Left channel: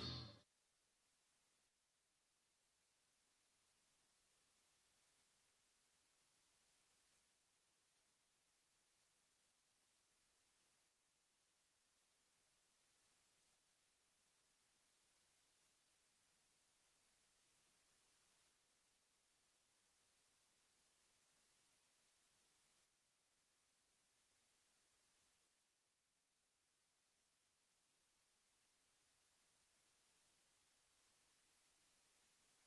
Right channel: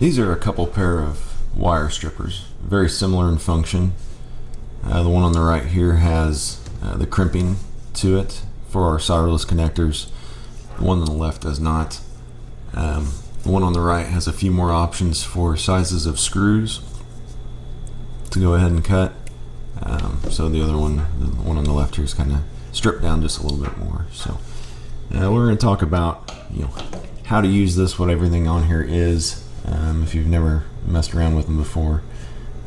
These are a couple pair of wire strippers, very similar in function. The one on the right here has the crimping to it for our solderless connectors. The one on the left does not. The one on the right has a few more options for sizes of screws to go ahead and cut. So the other one, the one on the left here, is kind of stripped down just a little bit more. So we're going to talk about how to use this, what everything on here is, if you've never messed around with them before.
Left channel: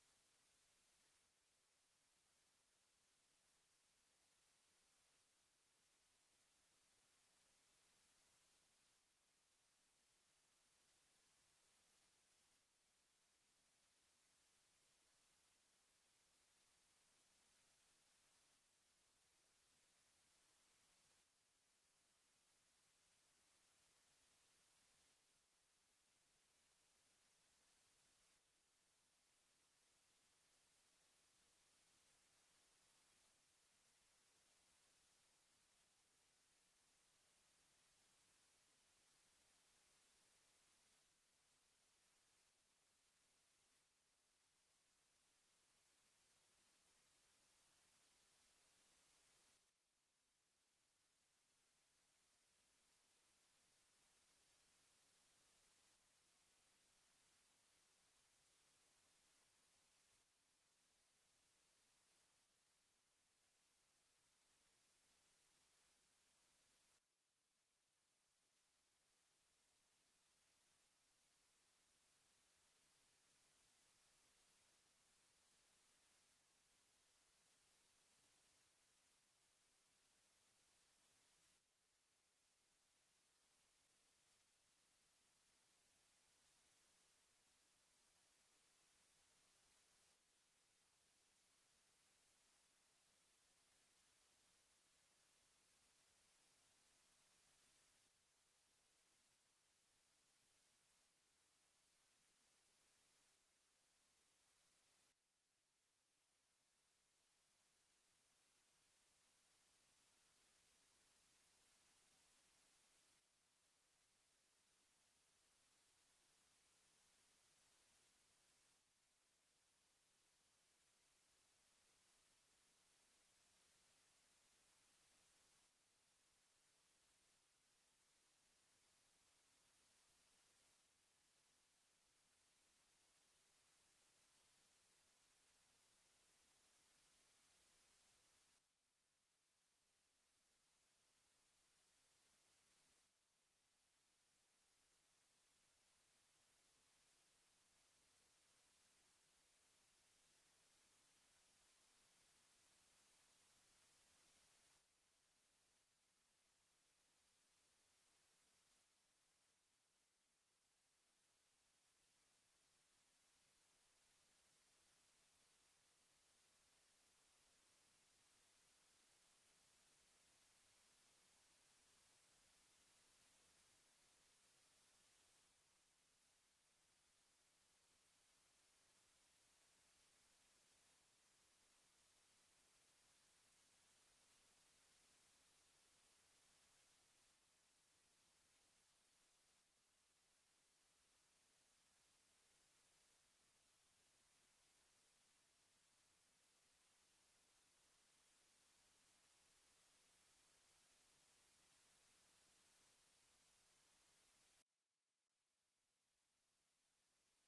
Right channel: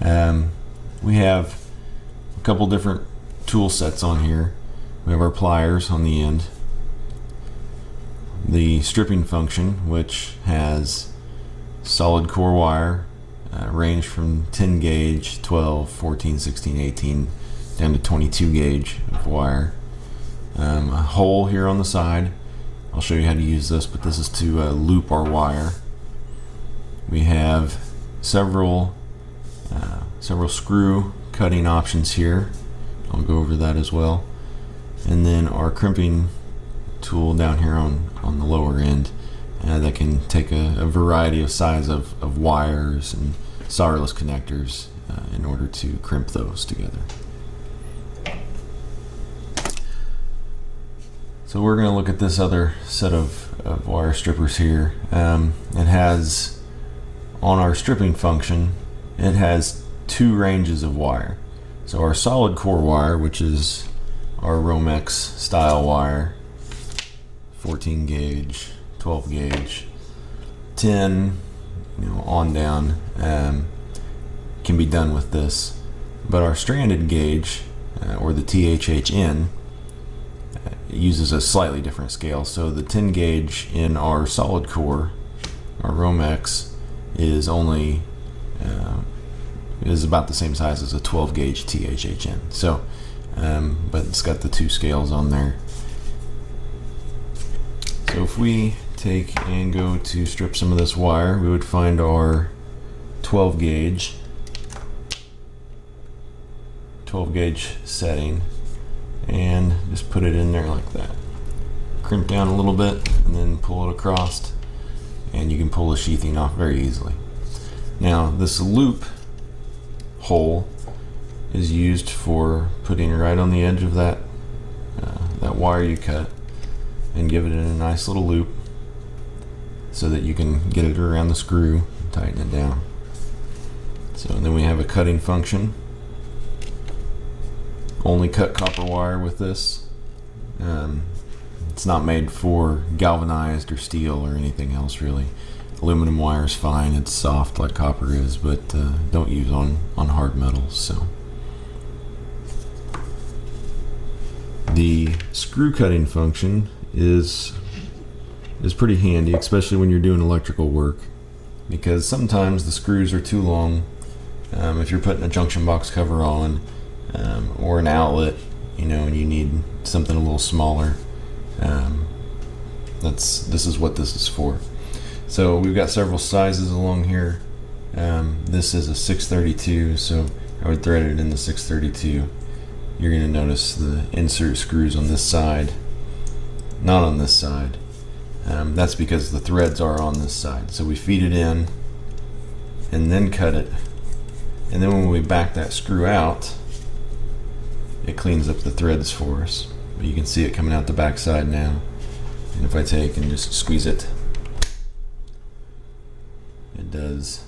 We have a couple different tool sets on here. We have our pliers on the end, the stripping function, which has solid core wire, range from 10 gauge, 12, 14, 16, 18, down to 22 gauge of wire. A hole here on the side. I'll show you how to use this, but this is to loop our wire. We have several screw cutting options here. I'll go over that as well. And then our crimping tool down here on the lower end that can take a variety of size of wires and solderless connectors in order to crimp those together. So we're going to look at this other set of wire strippers here. It has, on our stripping function, it has two ranges of wire. So our solid core wire, which is our Romex style wire, 14 gauge, 12 gauge, 10, on down, can be done with this. But our stranded gauge, or the THHN, uses a slightly different scale. So the 10 gauge in our solid core, our Romex, is only is about the same size as a 12 gauge THHN. So, but it's got the two scales on there. So if we take and go to strip some of this wire, we would find our 12 gauge setting and just put it in there like that. Crimp down a little bit and then pull it across, and you can pull the sheathing off very easily. Now this loop hole is used for putting it right on the edge of that wire you cut and give it in a nice little loop so that you can get it around the screw and tighten it down. So then we have a cutting function. Only cut copper wire with this. It's not made for galvanized or steel or anything else really. Aluminum wire is fine, it's soft like copper is, but don't use on hard metals. So the screw cutting function is pretty handy, especially when you're doing electrical work, because sometimes the screws are too long. If you're putting a junction box cover on, or an outlet, and you need something a little smaller, this is what this is for. So we've got several sizes along here. This is a 632, so I would thread it in the 632. You're going to notice the insert screws on this side, not on this side. That's because the threads are on this side. So we feed it in and then cut it, and then when we back that screw out, it cleans up the threads for us. But you can see it coming out the back side now. And if I take and just squeeze it, it does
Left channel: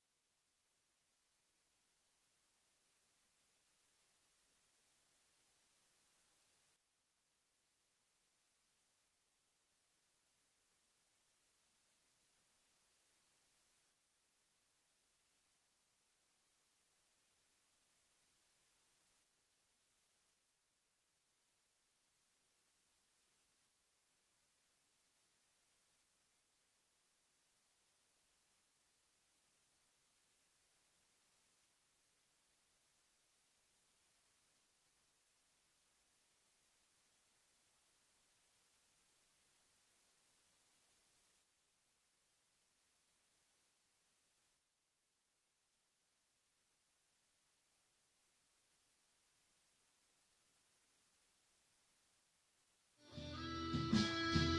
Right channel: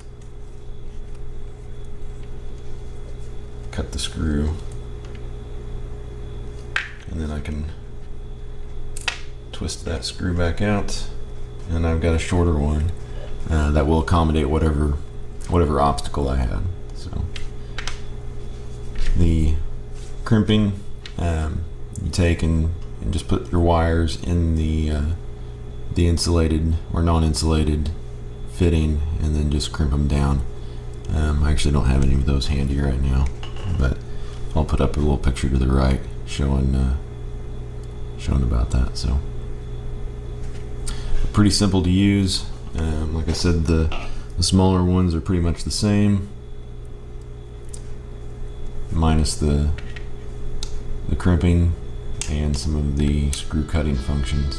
cut the screw. And then I can twist that screw back out, and I've got a shorter one that will accommodate whatever obstacle I had. So the crimping, you take and just put your wires in the insulated or non-insulated fitting, and then just crimp them down. I actually don't have any of those handy right now, but I'll put up a little picture to the right showing about that. So pretty simple to use. Like I said, the smaller ones are pretty much the same, minus the crimping and some of the screw cutting functions.